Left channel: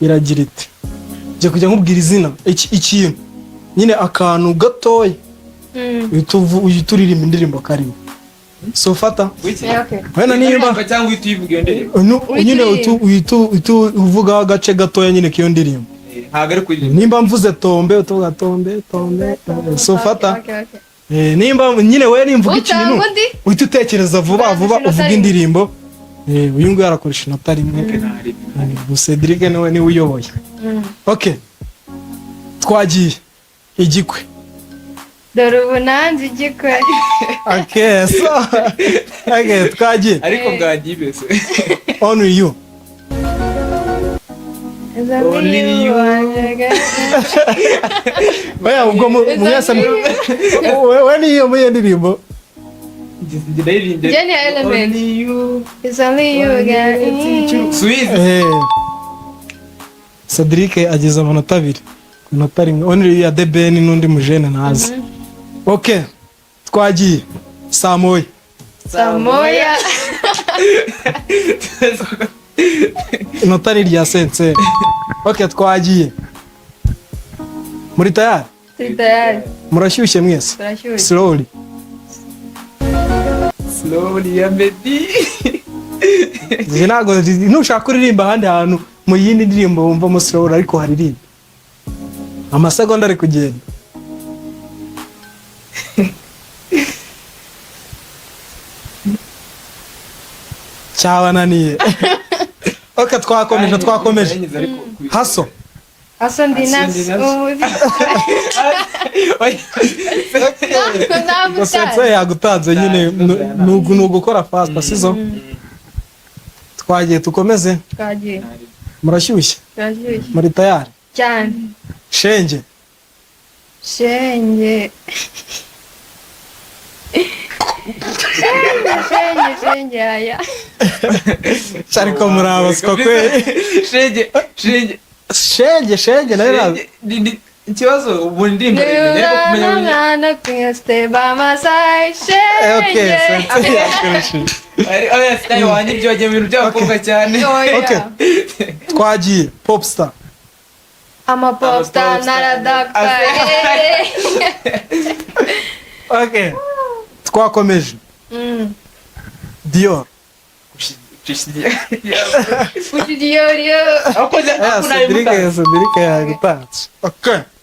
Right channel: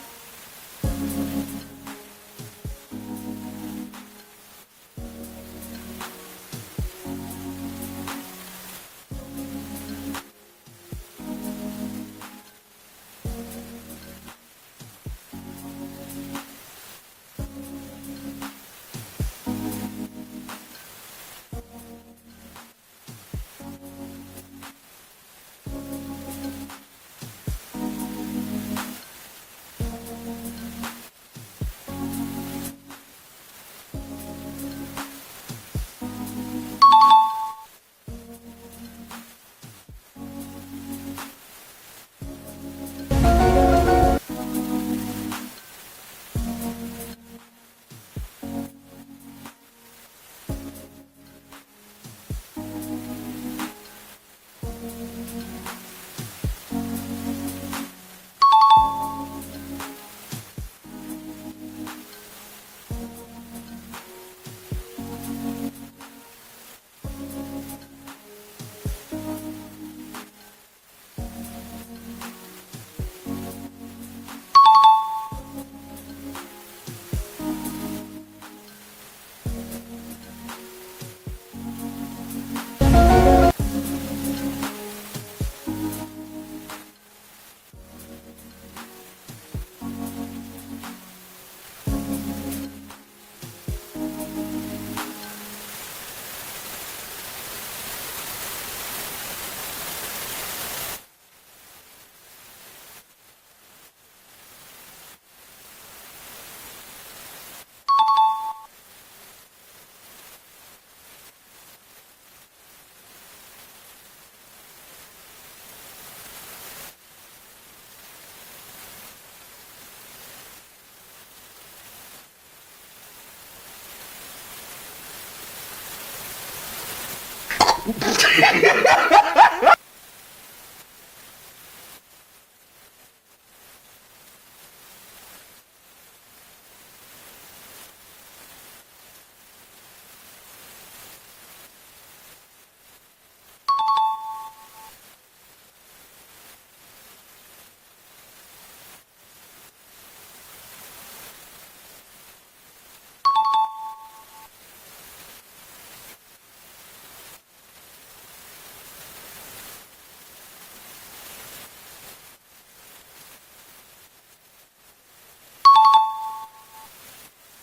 iragira iti nje kujya nkubwira izina ikintu nyine akantu gatoya uhita uririmba indirimbo karimo so fata wena nimba cyangwa uyivuga iyo ndirimbo nyine uhita uvuga agace gatoya nyine k'iyo ndirimbo ntabwo ari kuririmba nimba mvuze tombe utuvuga tombe so fata nimba nyine we nimvuga ikintu uhita utekereza vuba uvuga indirimbo uyu nguyu arakoresha inota rimwe Cedric niwe uyoboye okay twagiye igikwe dore ubu nanze igikwe okay so okay twagiye ariko bwagiye bese only you Only you. Oya ubwo mwese we niyo muye ndirimbo Jenny Element. It's only you again. Sweet. Cedric agize amanota abiri amanota rimwe only ya The Ben n'undi mujene nazi okay twagiye Samoya inota ni rya sense okay twagiye muri tayari murashyushye mwese slowly ya Meddy ntago ntushaka kuririmba ahandi hantu mu yindi ndirimbo wumva mo slowly ariko haririmba amasegonda ari kugenda cyabananiye okay twakomeje haso ndi nasi gusetsa yagutanze nyine nugukora fast sizo twagiye tukomeze murashyushye muri tayari cyane shenge aya ariko murabaswa kwe shenge nayo ikibazo ubu ndirimbo rero kumenya na stay by my side okay oya style wanjye byo wagiye mu bintu by'abakobwa cyane okay twagiye popstar ama popstar naradakta okay twakomeje Dior Dior Cedric yagutanze okay